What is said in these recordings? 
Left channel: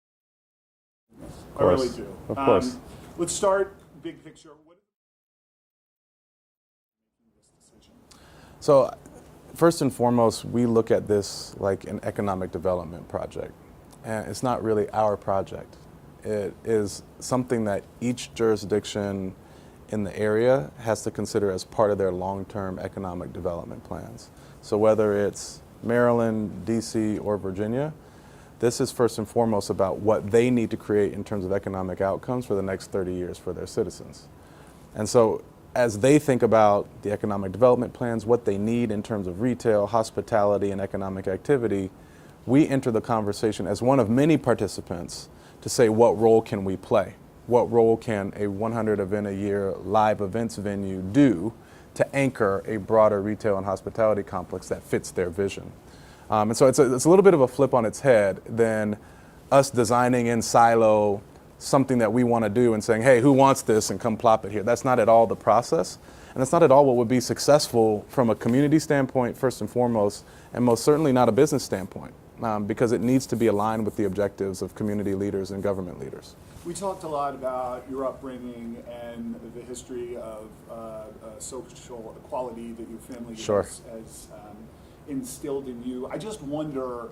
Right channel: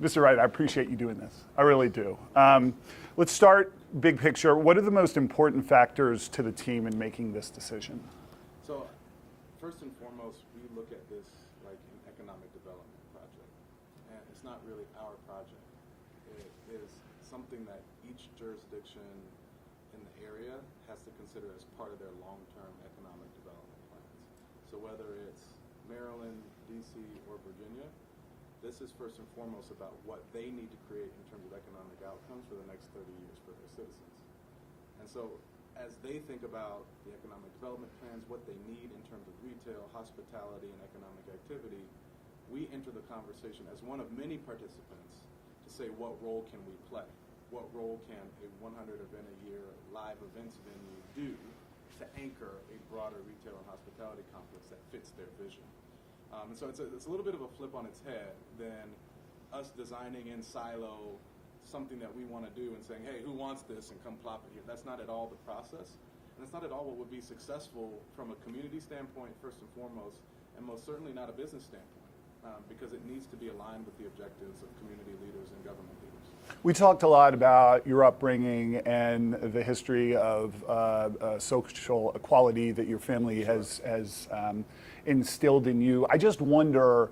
Mr. Wright, I appreciate you doing this. I course. really do. Of course. Let's start big picture. What are the most important factors to the team in making this decision? So, first and foremost, we look at this like an economic development project. And it's not really our project. It is something that each jurisdiction in the area has to consider as part of their long-term economic development plans. So whether it's Maryland, DC, or Virginia, this is first and foremost about what they need to create in terms of economic outcomes for the next 30 years for their citizens. And so as they think about the economic development plans, what they need in terms of retail, hospitality, and economic activity, we enter the conversation as one of many participants to say, what role can we play? What role can a 100 event a year live events venue do to anchor a broader retail and hospitality complex that fits their vision? And so it's a little bit of a flip on its head than us designing in silo something that we want to do and saying, hey, who wants this, and come plop it here. That's not at all the process. And that's not at all what would be successful from a community standpoint, first and foremost, and most certainly not a business standpoint. Because it needs to be aligned with the objectives of community leaders and government leaders. We talked a lot about your upbringing and the history of social equality that your family Sure. has instilled in you. I just wonder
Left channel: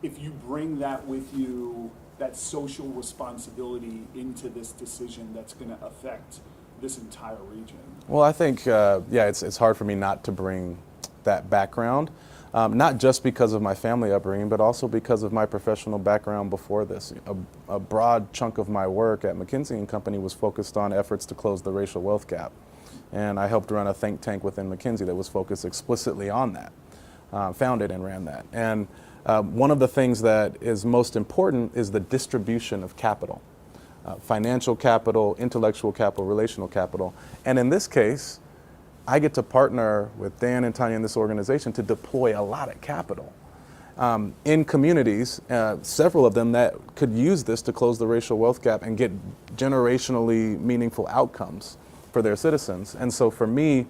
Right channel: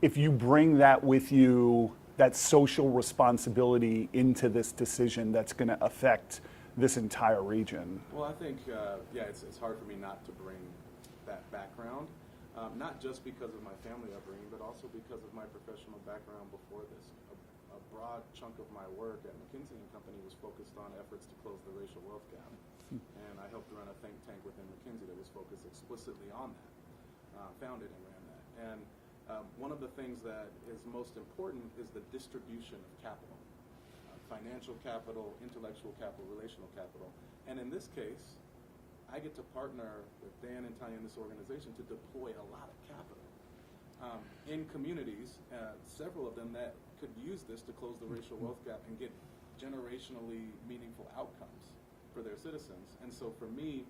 if you bring that with you, that social responsibility into this decision that's going to affect this entire region. Well, I think, it's hard for me not to bring that background. Not just because of my family upbringing, but also because of my professional background before this. A broad chunk of my work at McKinsey & Company was focused on efforts to close the racial wealth gap. And I helped run a think tank within McKinsey that was focused explicitly on that, founded and ran that. And one of the things that is most important is the distribution of capital. Financial capital, intellectual capital, relational capital. And in this case, I get to partner with Dan and Tanya in this organization to deploy a lot of capital in communities, several of them that could use this to close the racial wealth gap and get generationally meaningful outcomes for their citizens. And so for me,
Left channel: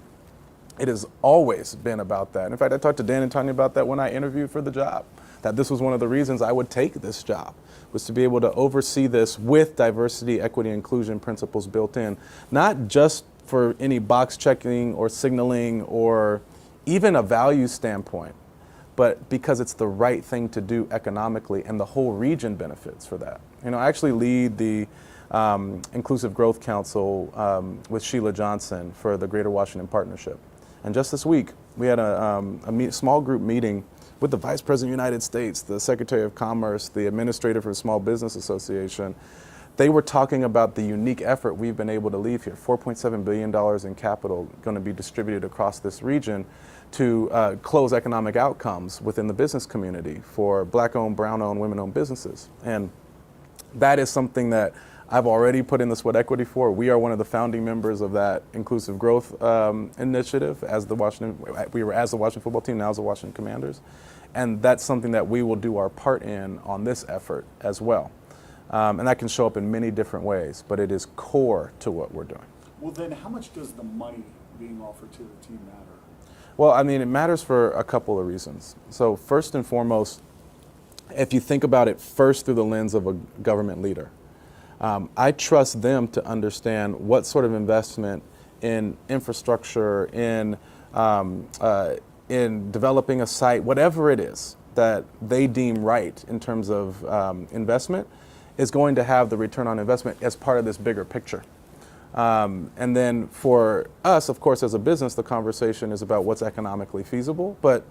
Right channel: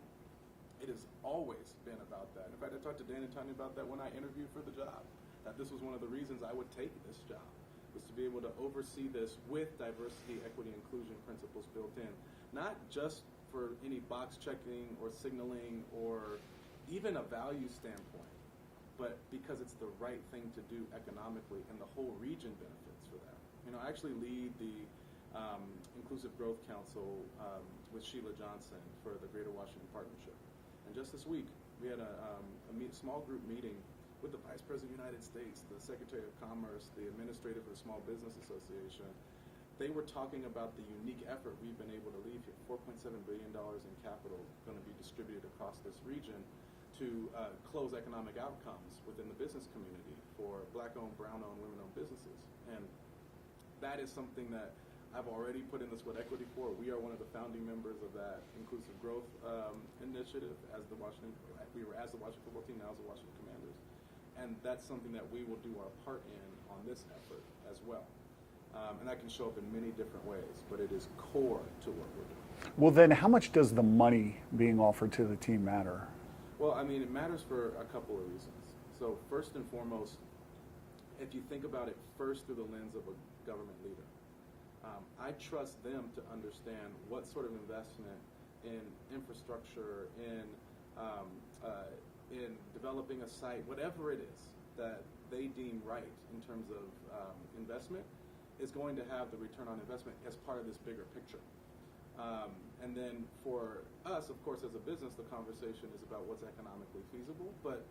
it has always been about that. In fact, I talked to Dan and Tanya about that when I interviewed for the job, that this was one of the reasons I would take this job, was to be able to oversee this with diversity, equity, inclusion principles built in, not just for any box checking or signaling or even a value standpoint, but because it's the right thing to do economically and the whole region benefits for that. You know, I actually lead the Inclusive Growth Council with Sheila Johnson for the Greater Washington Partnership. And just this week, we had a small group meeting with the Vice President of the United States, the Secretary of Commerce, the Administrator for the Small Business Association. They were talking about the unique effort we've been able to leave here, $4.7 billion in capital going to be distributed across this region to close economic outcomes within the business community for Black-owned, brown-owned, women-owned businesses. And that is something that I've already put in the sweat equity for. We are one of the founding members of that inclusive growth initiative as the Washington football team, now as the Washington Commanders. And that's something that we will do our part in on this effort as well. And that can show up in many different ways, but it is core to what we're doing. Well, then how much does the money being offered to the team matter? Well, I mean, it matters for a couple of reasons. So first and foremost, if you think about it first through the lens of a government leader, I trust them to understand what sort of investment in infrastructure, in developing a site, whatever it is that they deem right in terms of investment, is going to have the return on investment as part of this bigger picture. And then for us, of course, as a business, the conversation is about what's economically feasible, but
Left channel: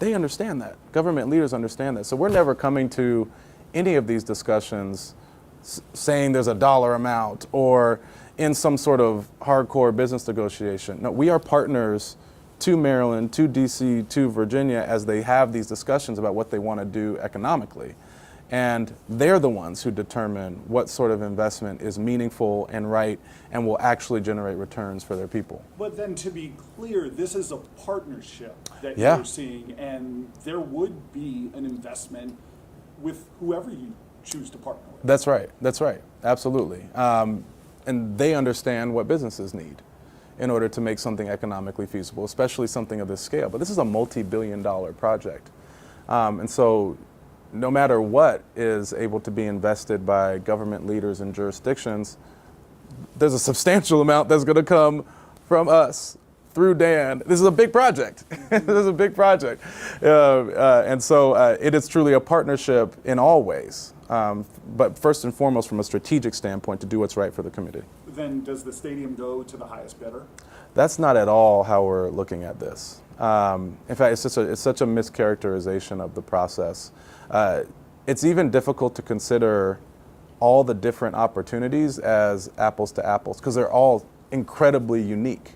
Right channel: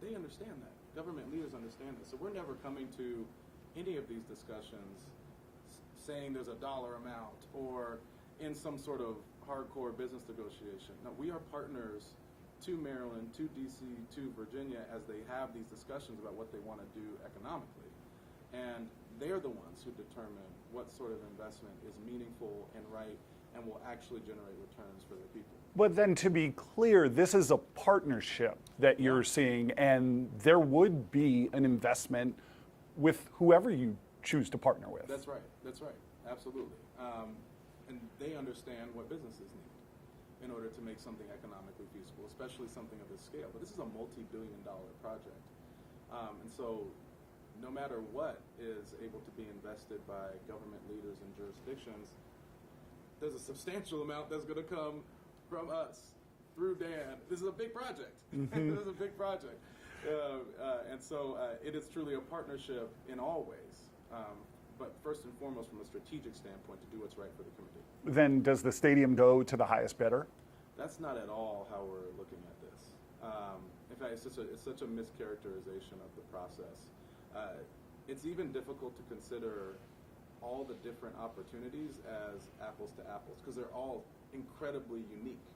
they understand that. Government leaders understand that. So we're never coming to any of these discussions saying there's a dollar amount or in some sort of hardcore business negotiation. No, we are partners to Maryland, to DC, to Virginia as they have these discussions about what they want to do economically. And they're the ones who determine what sort of investment is meaningful and right and will actually generate returns for their people. But then to be clear, this is a partnership that you're seeing, and there would be an investment with whoever you choose to partner with. That's right. That's right. Absolutely. And they understand what businesses need in order to make something economically feasible, especially something of this scale. But this is a multi-billion-dollar project. And so no matter what is able to be invested by government leaders and jurisdictions, there's a substantial amount that's going to come from us through Dan. This is a big project. This is a big project. And so it is truly a partnership in all ways, but first and foremost from a strategic standpoint to do what's right for the community. Then does the stadium go to the highest bidder? That's not at all how we're looking at this. In fact, it's such a mischaracterization of the process. It's even difficult to consider all the different opportunities as apples to apples because they're all incredibly unique.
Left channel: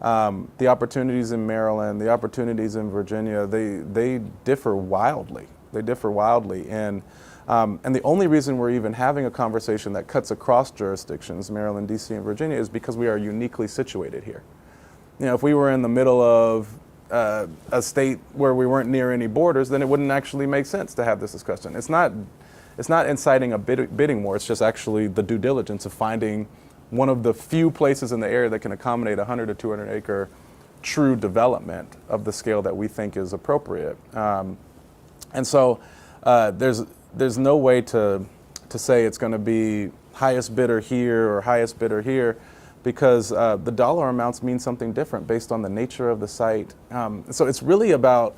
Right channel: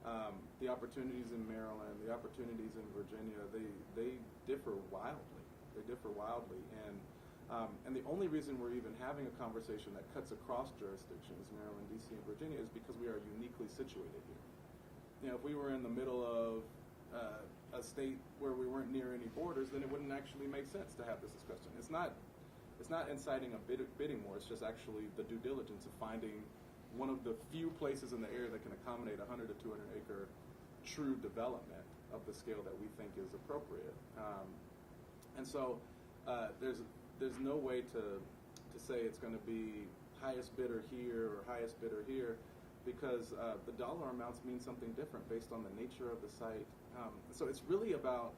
The opportunities in Maryland, the opportunities in Virginia, they differ wildly. They differ wildly. And the only reason we're even having a conversation that cuts across jurisdictions, Maryland, D.C., and Virginia, is because we are uniquely situated here. You know, if we were in the middle of a state where we weren't near any borders, then it wouldn't actually make sense to have this discussion. It's not inciting a bidding war. It's just actually the due diligence of finding one of the few places in the area that can accommodate 100 to 200 acre true development of the scale that we think is appropriate. And so there's no way to say it's going to be highest bidder here or highest bidder here, because the dollar amounts mean something different based on the nature of the site. So it's really about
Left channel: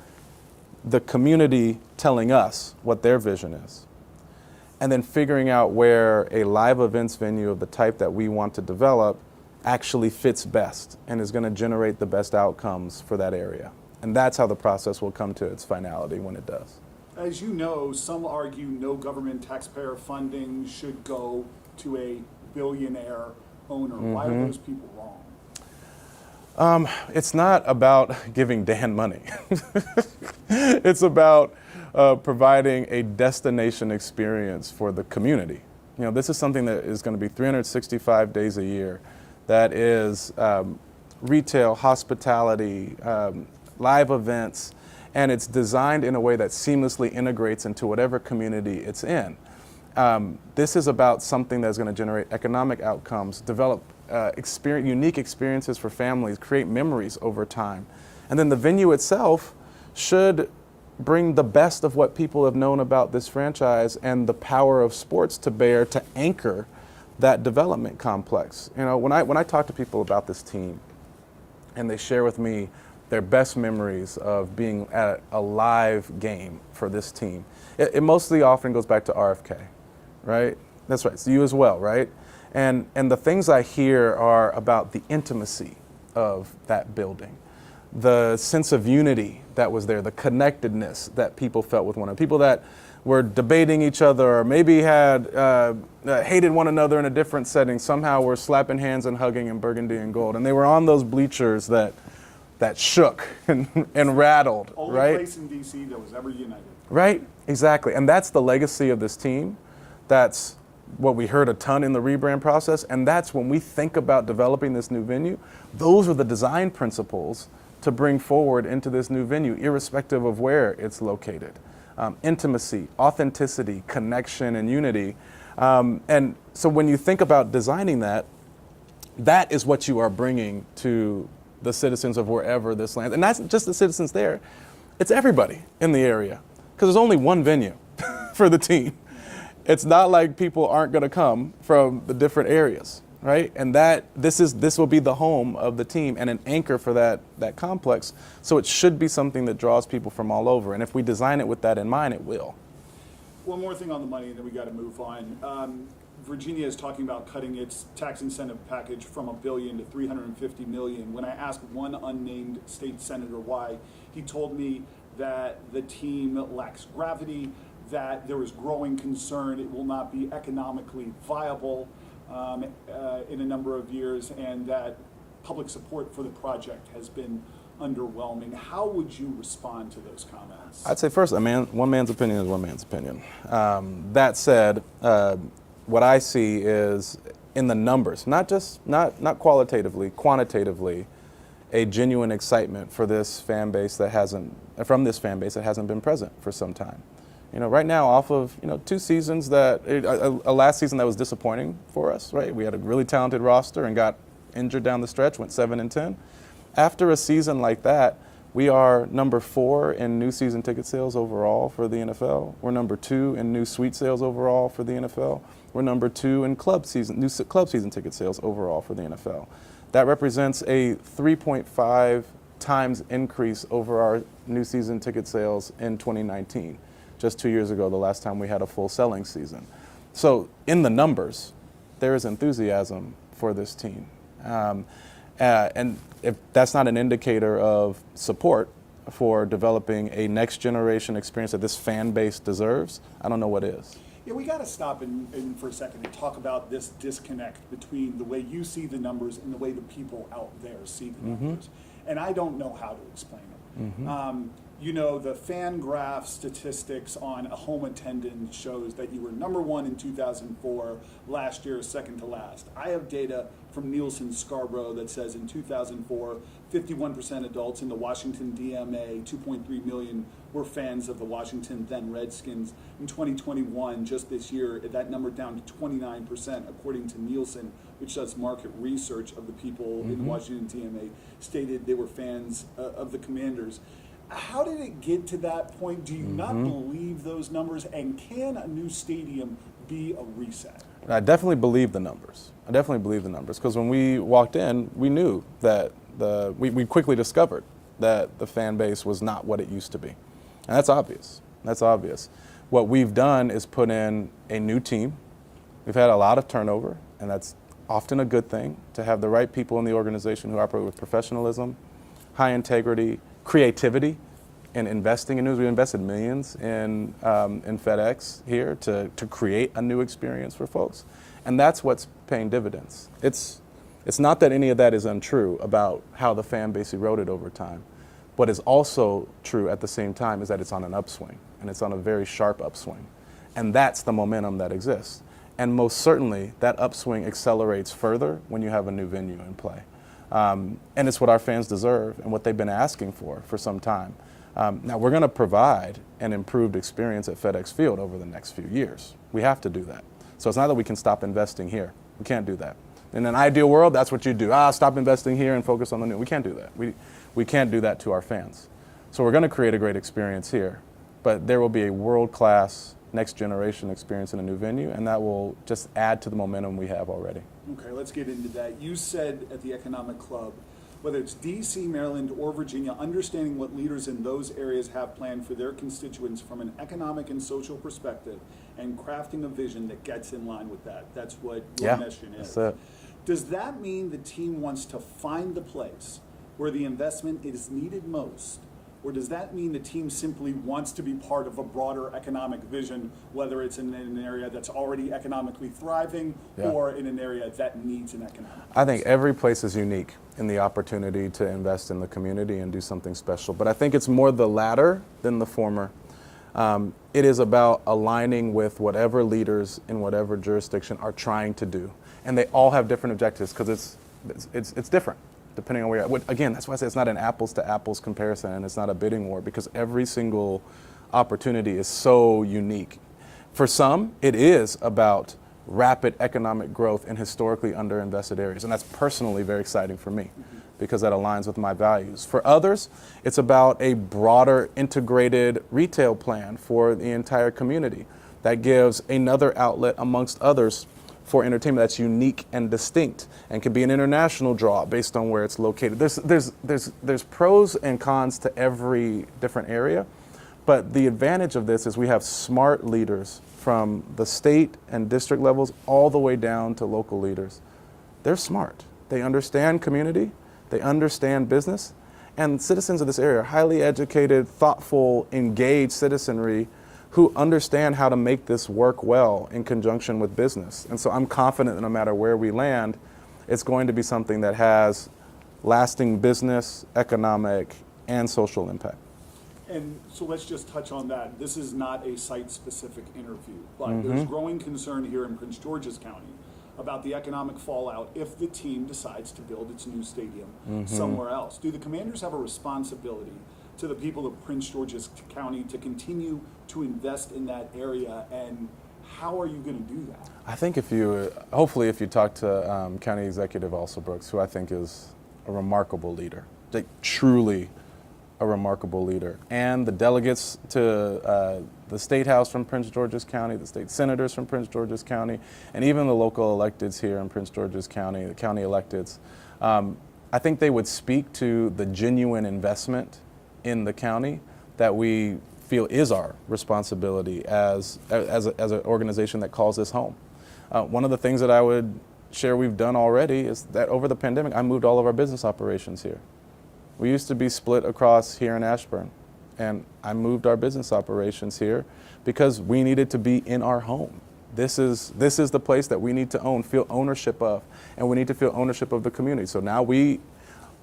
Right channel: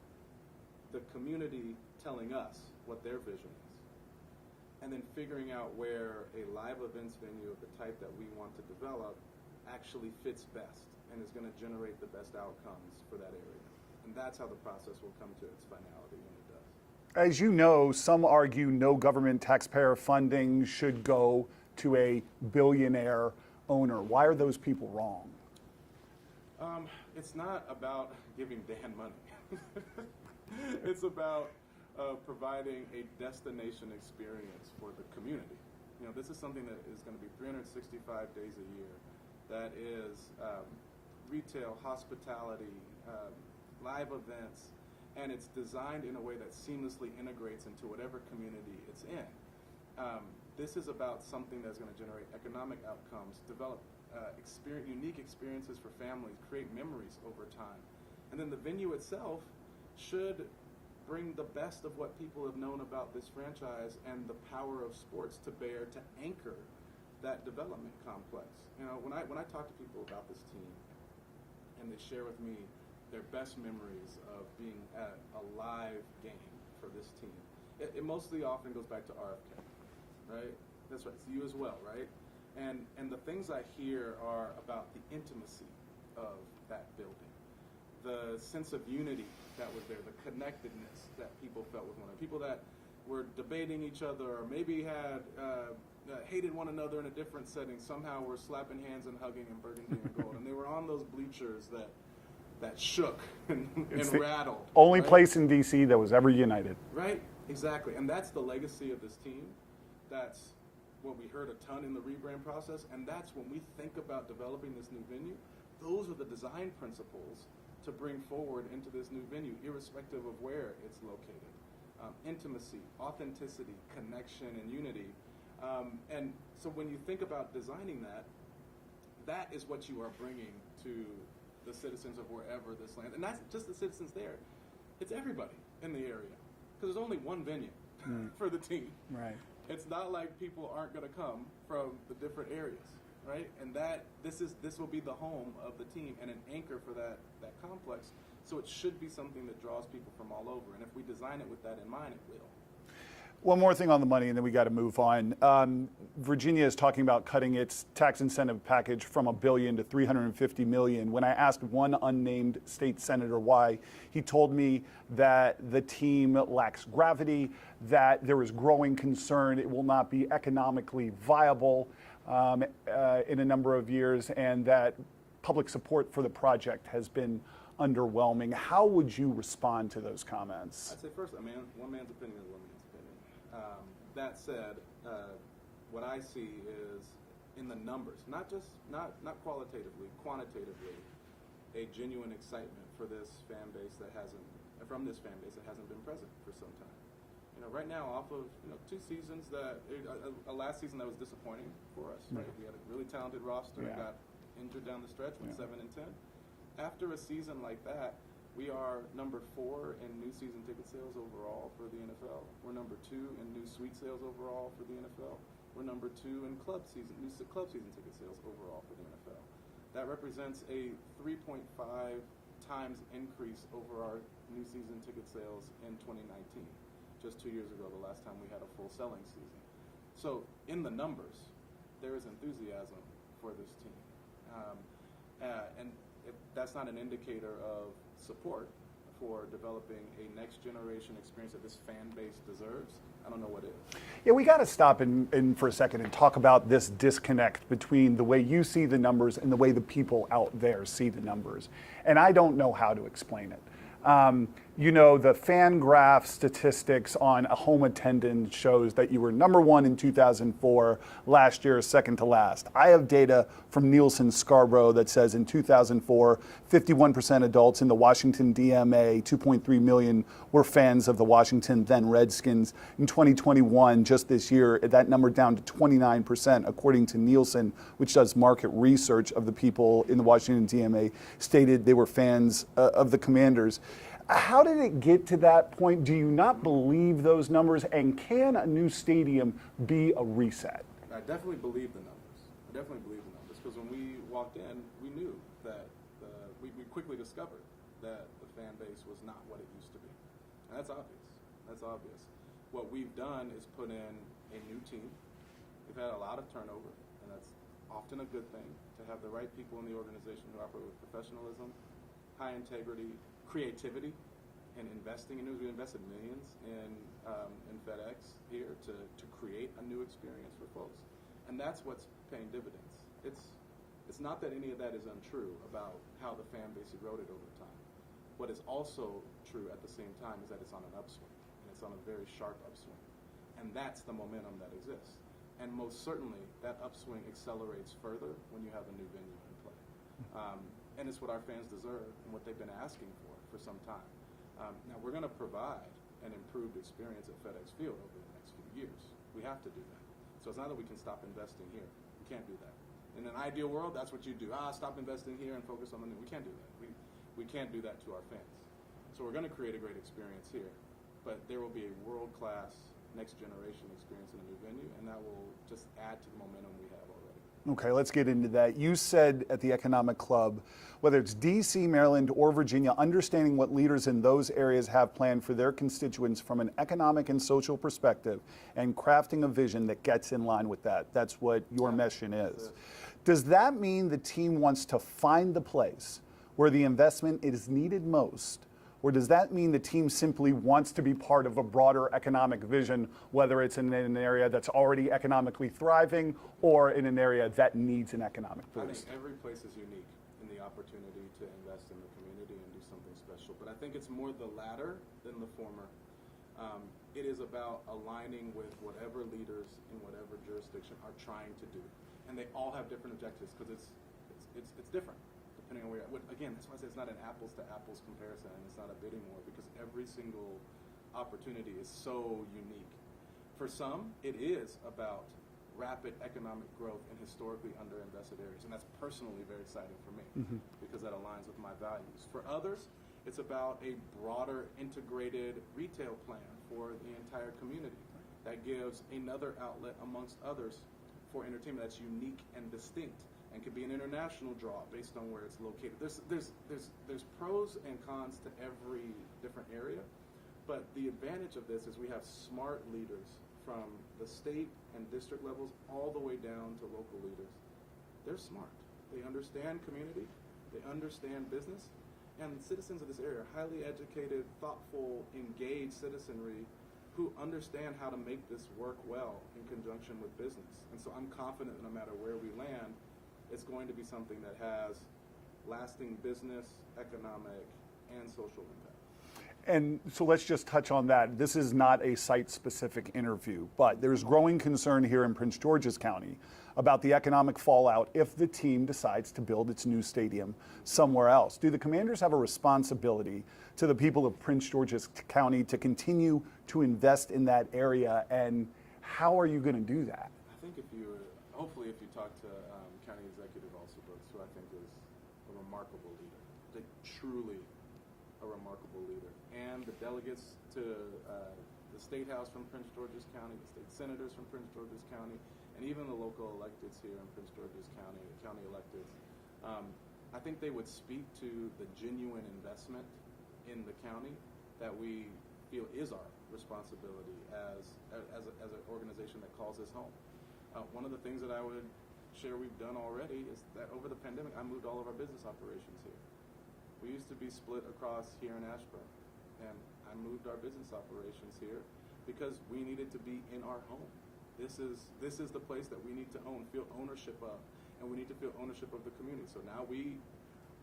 the community telling us what their vision is, and then figuring out where a live events venue of the type that we want to develop actually fits best and is going to generate the best outcomes for that area. And that's how the process will come to its finality when it does. As you know, some argue no government taxpayer funding should go to a billionaire owner. Why are those people wrong? It's not about giving Dan money. It's about providing a destination experience for the community. You know, this is something that is going to be 365 days a year. That is retail, hospitality, live events, and it's designed in a way that seamlessly integrates into whatever community it's in. This is about something that's going to generate economic outcomes, develop unique experiences for families, create memories over time. And then the venue itself should bring the best of what people have known about this franchise and the power of sports to bear to anchor that development complex. You know, when I talk to people about this team and they share with me their best memories of being at a live game for this team, it mostly often goes back to RFK, right? That's right, it's you as well, right? And the things I hear are about the intimacy of that building, the sense of unity that was there, the connectedness that people felt with one another, people that were debating each other or maybe had hated one another in a different setting, somehow were slapping hands and hugging in burgundy and gold. And they were on those bleachers that shook and rattled. Only right? place in D.C. that was ever united. Right, exactly. And that's the legacy of this team. That's what we heard a ton in the rebrand process. And that's when we think about developing this new venue, those are the design principles to bring forward into this new venue, irrespective of where it's located. Intimacy, authenticity, connection, and unity. And so when you think about designing that, that is what you are bringing to the citizens of wherever this lands. And that's just the citizens there. It's everybody in the area, because there's only one venue for the team. It's not like people aren't going to come from the different areas, right? And this will be the home of the team and an anchor for that complex. So it should be something that draws people from all over. And if we design it with that in mind, it will. One more thing on the money, and then we got to move on. Virginia is talking about cutting its tax incentive package from $1 billion to $350 million. When I asked one unnamed state senator why, he told me that the team lacks gravity, that there is growing concern it will not be economically viable in a number of years, and that public support for the project has been underwhelming. How would you respond to those comments? I'd say first, one man's opinion is one man's opinion. That said, what I see is in the numbers, not qualitatively, quantitatively, a genuine excitement for this fan base that hasn't been present for some time. You know, right now, off of 2 seasons a last season that was disappointing for us, right? We had a really talented roster and got injured down the stretch, went 7-10. After a season like that, We are number 4 in new season ticket sales overall for the NFL. We're number 2 in new suite sales overall for the NFL. We're number 2 in new club season ticket sales overall for the NFL. That represents a 3.5 times increase over our new season ticket sales in 2019, just 2 years ago, the last time we had a full selling season. So in the numbers, there is enthusiasm for this team. And if that's not an indicator of support for developing a next generation experience that this fan base deserves, I don't know what is. Yeah, we got to stop in for a second and talk about this disconnect between the way you see the numbers and the way the people out there see the numbers. And I don't know how to explain it. You know, the fan graph statistics on a home attendance shows that you were number 1 in 2004, last year second to last. I have data from Nielsen Scarborough that says in 2004, 51% adults in the Washington DMA, 2.3 million were fans of the Washington then Redskins. In 2021, just this year, that number down to 29%, according to Nielsen, which does market research of the people in the Washington DMA, stated they were fans of the Commanders. How did it get to that point? Do you not believe those numbers? And can a new stadium be a reset? I definitely believe the numbers. Because when we walked in, we knew that we quickly discovered that the fan base was not what it used to be. And that's obvious. What we've done is put in a new team. We've had a lot of turnover, and that's often a good thing, to have the right people in the organization who operate with professionalism, high integrity, creativity, and investing in news. We invested millions in FedEx here to create a new experience for folks. And that's what's paying dividends. It's not that any of that is untrue about how the fan base eroded over time. What is also true at the same time is that it's on an upswing, and it's on a very sharp upswing. And that's the momentum that exists. And most certainly, that upswing accelerates further when you have a new venue in play. And it's what our fans deserve and what they've been asking for some time. Now, we're going to provide an improved experience at FedEx Field over the next few years. We have to do that. So it's not that we can stop investing here. We can't do that. In an ideal world, that's what you do. Stop investing here and focus on the new. We can't do that. We can't do that to our fans. So we're going to create a great experience here, but there will be a world-class next generation experience in a new venue, and that will just add to the momentum we have already. Okay, let's get into that. You said at the Economic Club, whether it's DC, Maryland, or Virginia, understanding what leaders in those areas have planned for their constituents from an economic and social perspective and crafting a vision that gets in line with that. That's what your mission is. Does that mean the team wants to find the place where the investment is needed most? Or does that mean the team simply wants to be part of a broader economic vision, whether it's in an area that's already economically thriving or in an area that needs an economic boost? I think every place is unique in the opportunity to invest in the community and do something special. But I think it's more the latter than the former. It is about aligning with whatever leaders in whatever jurisdiction are trying to do. And they all have different objectives because it's different, depending on where you're at. Again, that's why I say it's not an apples to apples comparison, and it's not a bidding war, because every single opportunity is so unique. For some, it is about rapid economic growth in historically underinvested areas, and that's personally very exciting for me because that aligns with my values. For others, it's about a broader integrated retail plan for the entire community that gives another outlet amongst others for entertainment that's unique and distinct and can be an international draw based on where it's located. There's pros and cons to every different area, but the advantage of this is we have smart leaders from the state and district levels all the way down to local leaders. They're smart. They understand community, they understand business, and citizens of this area are highly educated, thoughtful, engaged citizenry who understand how to make this work well in conjunction with business. And so I'm confident that no matter where we land, it's going to be something that has lasting business, economic, and social impact. And so let's just touch on that. This is not a site-specific interview, but there's growing concern here in Prince George's County about the economic fallout if the team decides to build its new stadium somewhere else. Do the Commanders have a responsibility to the people of Prince George's County to continue to invest in that area, and how are you going to do that? I think hopefully if you talk to County Executive Elsa Brooks, who I think is a remarkable leader, like truly a remarkable leader. And the delegates to the State House from Prince George's County, the state senators from Prince George's County, and even the local electeds here in Prince George's County, the county electeds, I think they would speak to the genuine investment in the county that we feel is our responsibility as an organization that calls this home. One of the things that I would share we've done already is that over the pandemic, I moved all of our business operations here. We used to be split across here in Ashburn, and I moved our business operations here because we needed to be in our home. This is the place that we need to feel ownership of, and we need to feel ownership of the community. So now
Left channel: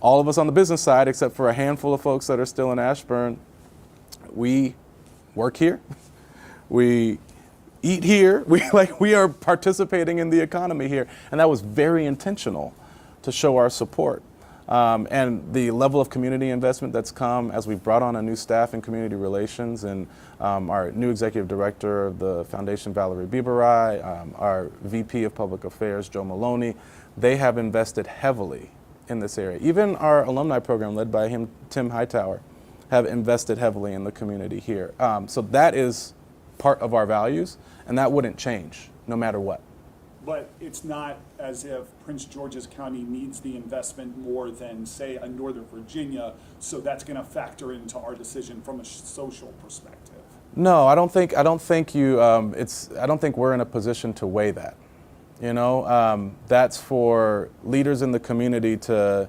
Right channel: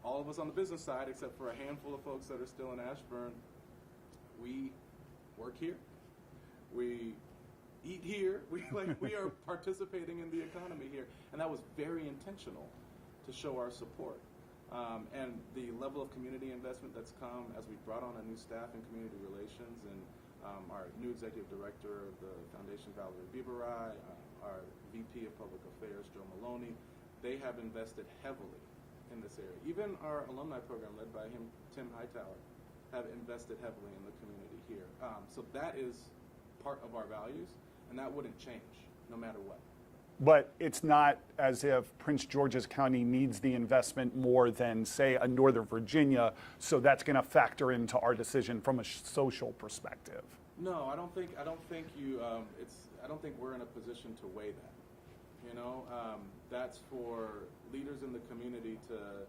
all of us on the business side, except for a handful of folks that are still in Ashburn, we work here, we eat here, we are participating in the economy here, and that was very intentional to show our support. And the level of community investment that's come as we've brought on a new staff in community relations, and our new executive director of the foundation, Valerie Biberai, our VP of Public Affairs, Joe Maloney, they have invested heavily in this area. Even our alumni program led by Tim Hightower, have invested heavily in the community here. So that is part of our values, and that wouldn't change no matter what. But it's not as if Prince George's County needs the investment more than, say, a Northern Virginia, so that's going to factor into our decision from a social perspective. No, I don't think we're in a position to weigh that. You know, that's for leaders in the community to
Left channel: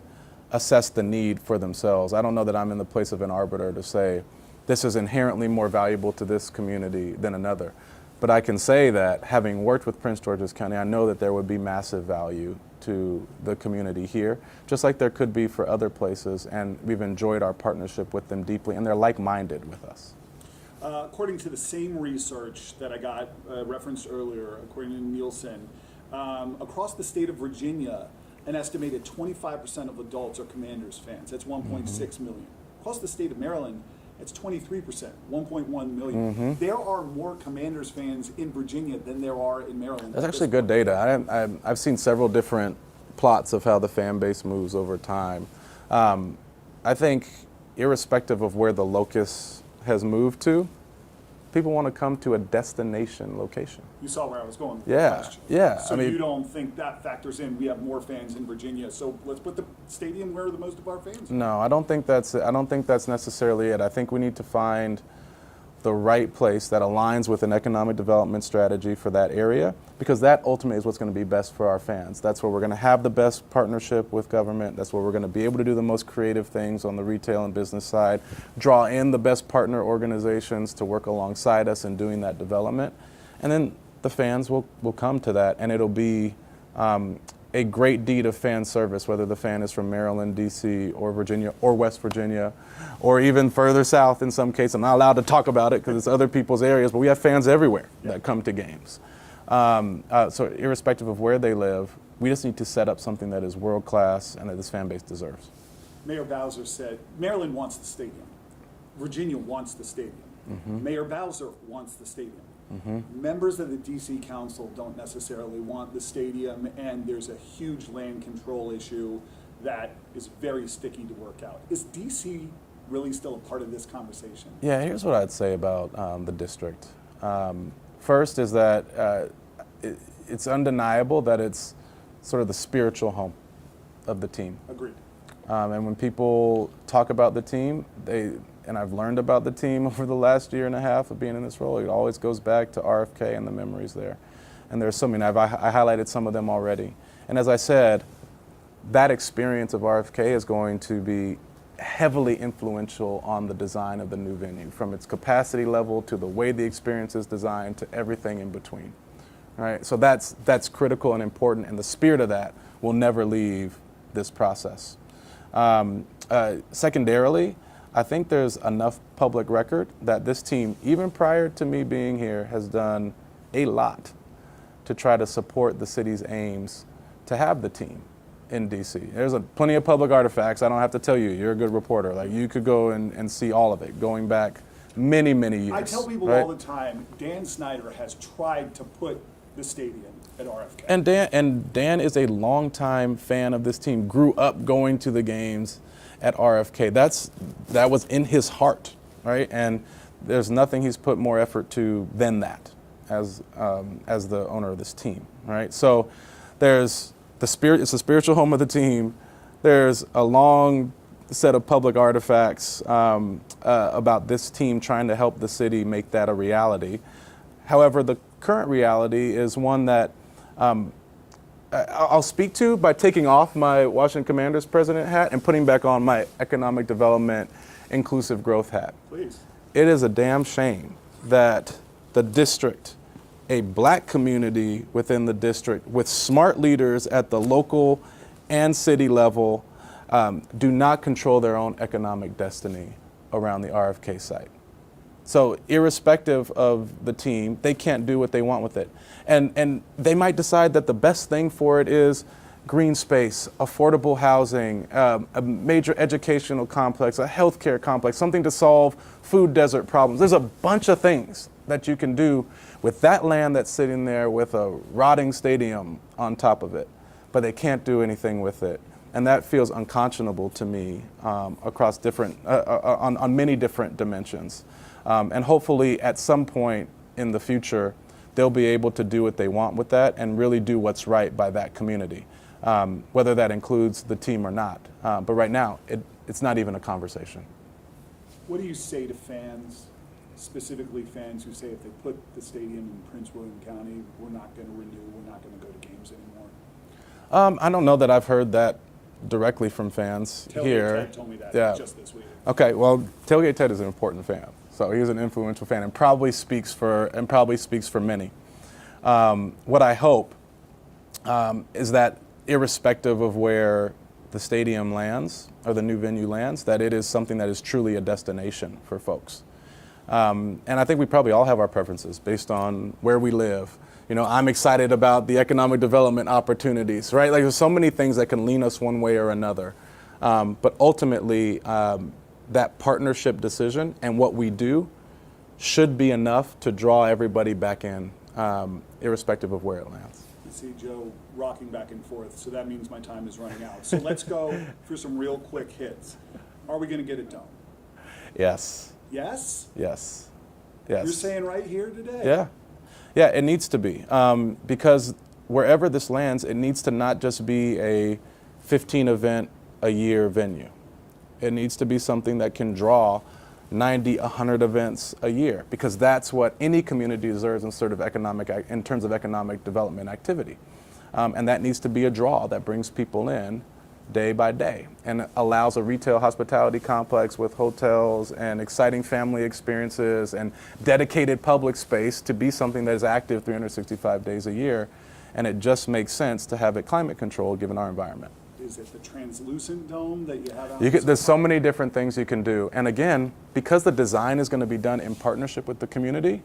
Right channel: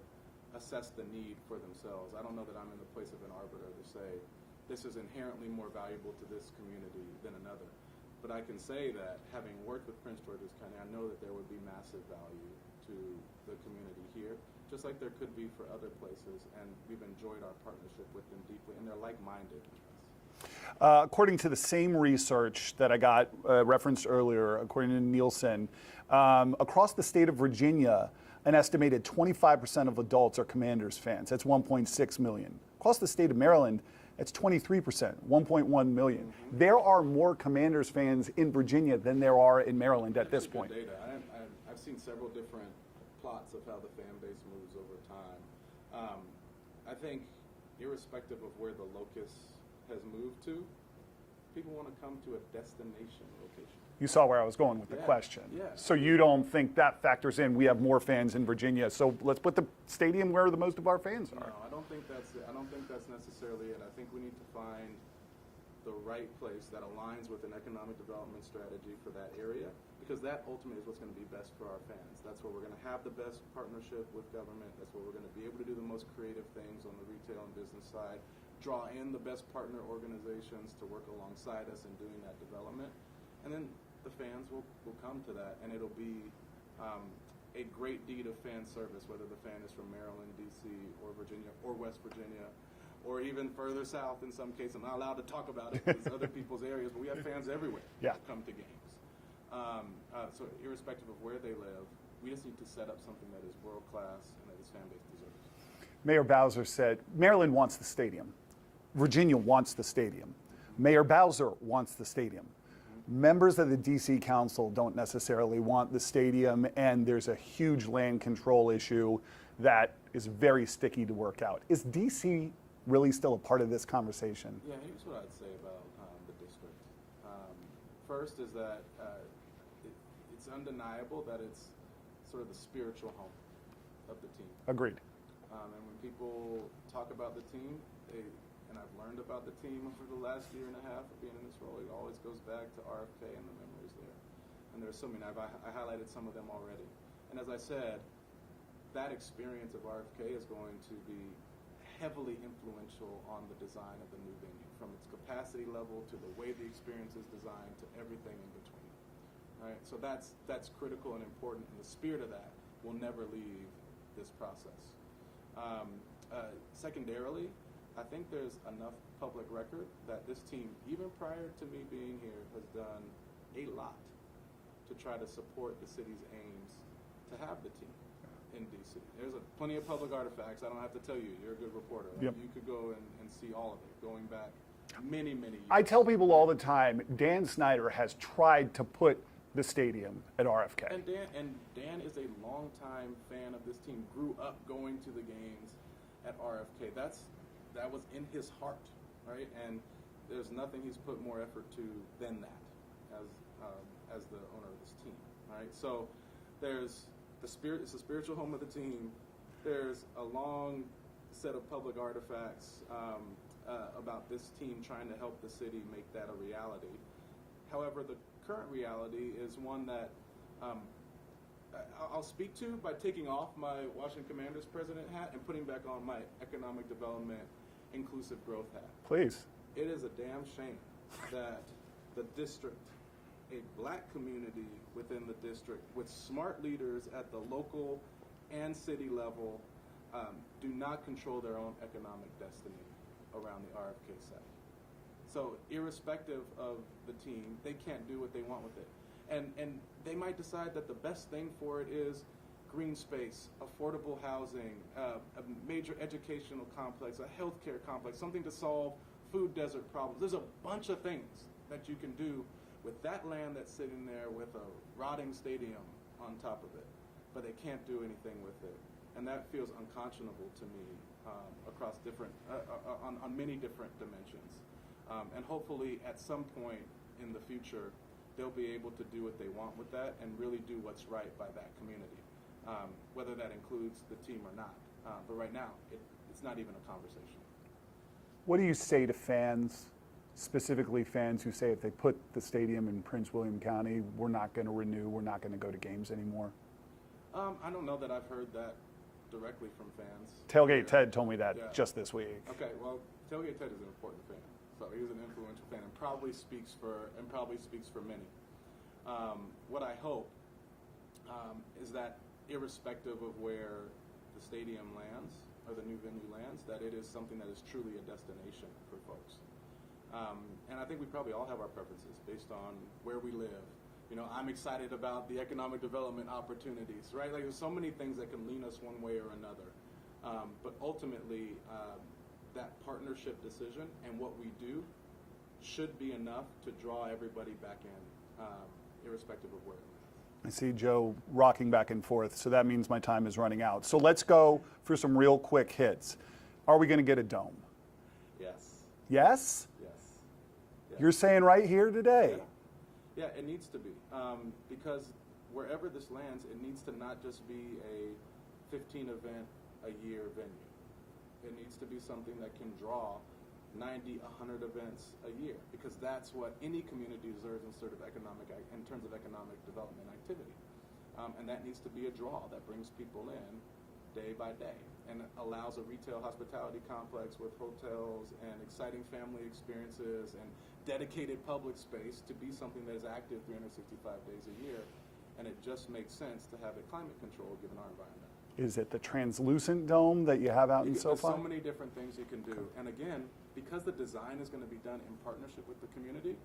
assess the need for themselves. I don't know that I'm in the place of an arbiter to say this is inherently more valuable to this community than another. But I can say that having worked with Prince George's County, I know that there would be massive value to the community here, just like there could be for other places, and we've enjoyed our partnership with them deeply, and they're like-minded with us. According to the same research that I got referenced earlier, according to Nielsen, across the state of Virginia, an estimated 25% of adults are Commanders fans. That's 1.6 million. Across the state of Maryland, it's 23%, 1.1 million. There are more Commanders fans in Virginia than there are in Maryland. That's actually good data. I've seen several different plots of how the fan base moves over time. I think irrespective of where the locus has moved to, people want to come to a destination location. You saw where I was going with the question. Yeah. So you don't think that factors in? We have more fans in Virginia, so let's put the stadium where the most of our fans are. No, I don't think that's necessarily it. I think we need to find the right place that aligns with an economic development strategy for that area, because that ultimately is what's going to be best for our fans. That's where we're going to have the best partnership with government. That's where we're going to be able to do the most creative things on the retail and business side, draw in the best partner organizations to work alongside us in doing that development. And then the fans will come to that, and it'll be a great deed of fan service, whether the fan is from Maryland, D.C., or Virginia, or West Virginia, or even further south in some cases. I'm not allowed to talk about it because it's other people's areas, but we have fans everywhere that come to games. So irrespective of where they live, we just need to set up something that is world-class and that this fan base deserves. Mayor Bowser said, Maryland wants the stadium. Virginia wants the stadium. Mayor Bowser wants the stadium. Members of the D.C. Council don't necessarily want the stadium, and there's a huge land control issue that is very sticky to work out. Is D.C. really still a part of this conversation? Yeah, here's what I'd say about the district. First is that it's undeniable that it's sort of the spiritual home of the team. Agreed. And when people talk about the team, and I've learned about the team over the last year and a half of being in this role, it always goes back to RFK and the memories there. And there's so many. I highlighted some of them already. And as I said, that experience of RFK is going to be heavily influential on the design of the new venue, from its capacity level to the way the experience is designed to everything in between. Right? So that's critical and important, and the spirit of that will never leave this process. Secondarily, I think there's enough public record that this team, even prior to me being here, has done a lot to try to support the city's aims to have the team in D.C. There's plenty of public artifacts. I don't have to tell you. You're a good reporter. Like, you could go and see all of it, going back many, many years. I tell people all the time, Dan Snyder has tried to put the stadium at RFK. And Dan is a longtime fan of this team, grew up going to the games, at RFK. That was in his heart, right? And there's nothing he's put more effort to than that as the owner of this team, right? So there's the spirit, it's the spiritual home of the team. There's a long set of public artifacts about this team trying to help the city make that a reality. However, the current reality is one that I'll speak to by taking off my Washington Commanders President hat and putting back on my economic development, inclusive growth hat. Please. It is a damn shame that the district, a black community within the district with smart leaders at the local and city level do not control their own economic destiny around the RFK site. So irrespective of the team, they can't do what they want with it. And they might decide that the best thing for it is green space, affordable housing, a major educational complex, a healthcare complex, something to solve food desert problems. There's a bunch of things that you can do with that land that's sitting there with a rotting stadium on top of it, but they can't do anything with it. And that feels unconscionable to me across different, on many different dimensions. And hopefully at some point in the future, they'll be able to do what they want with that and really do what's right by that community, whether that includes the team or not. But right now, it's not even a conversation. What do you say to fans, specifically fans who say if they put the stadium in Prince William County, we're not going to renew, we're not going to go to games anymore? I don't know that I've heard that directly from fans here. Tailgate Ted told me that just this week. Okay, well, Tailgate Ted is an important fan. So he's an influential fan and probably speaks for many. What I hope is that irrespective of where the stadium lands or the new venue lands, that it is something that is truly a destination for folks. And I think we probably all have our preferences based on where we live. You know, I'm excited about the economic development opportunities, right? Like there's so many things that can lean us one way or another. But ultimately, that partnership decision and what we do should be enough to draw everybody back in, irrespective of where it lands. I see Joe rocking back and forth, so that means my time is running out. So let's go for some real quick hits. Are we going to get a dome? Yes. Yes? Yes. Yes. You're saying right here today? Yeah. Yeah, it needs to be. Because wherever this lands, it needs to not just be a 15 event a year venue. It needs to be something that can draw 90, 100 events a year, because that's what any community deserves in terms of economic development activity. And that needs to be a draw that brings people in day by day and allows a retail hospitality complex with hotels and exciting family experiences and dedicated public space to be something that is active 365 days a year. And it just makes sense to have it climate controlled given our environment. Is it the translucent dome that you have out there's so many different things you can do. And again, because the design is going to be done in partnership with the community,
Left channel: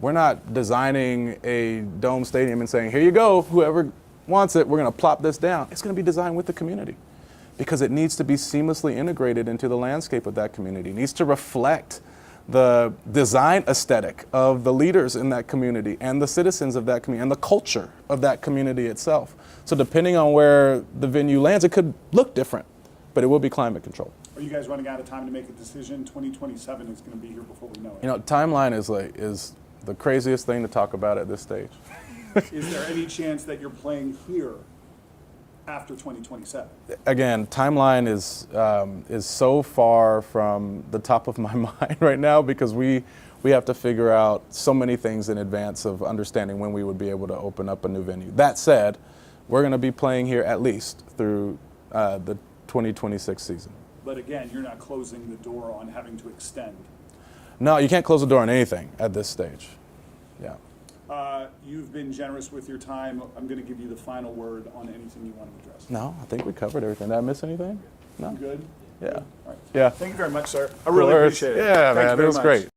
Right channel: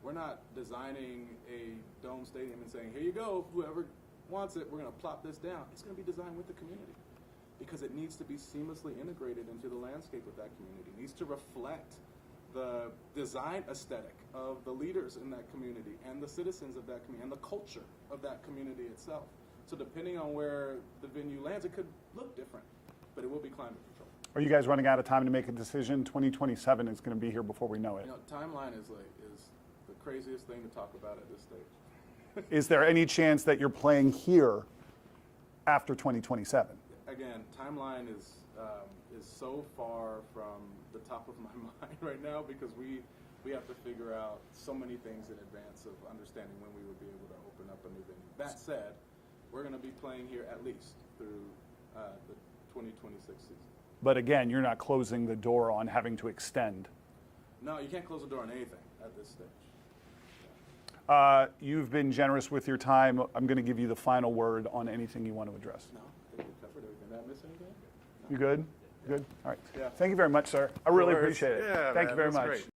we're not designing a dome stadium and saying, here you go, whoever wants it, we're going to plop this down. It's going to be designed with the community because it needs to be seamlessly integrated into the landscape of that community. It needs to reflect the design aesthetic of the leaders in that community and the citizens of that community and the culture of that community itself. So depending on where the venue lands, it could look different, but it will be climate controlled. Are you guys running out of time to make a decision? 2027 is going to be here before we know it. You know, timeline is the craziest thing to talk about at this stage. Is there any chance that you're playing here after 2027? Again, timeline is so far from the top of my mind right now because we have to figure out so many things in advance of understanding when we would be able to open up a new venue. That said, we're going to be playing here at least through the 2026 season. But again, you're not closing the door on having to extend. No, you can't close the door on anything at this stage. Yeah. You've been generous with your time. I'm going to give you the final word on anything you want to address. No, I think we covered everything. Did I miss anything? No. You good? Yeah. Good? All right. Yeah. Thank you very much, sir. I really appreciate it. Yeah, Thank you man, very it was much. great.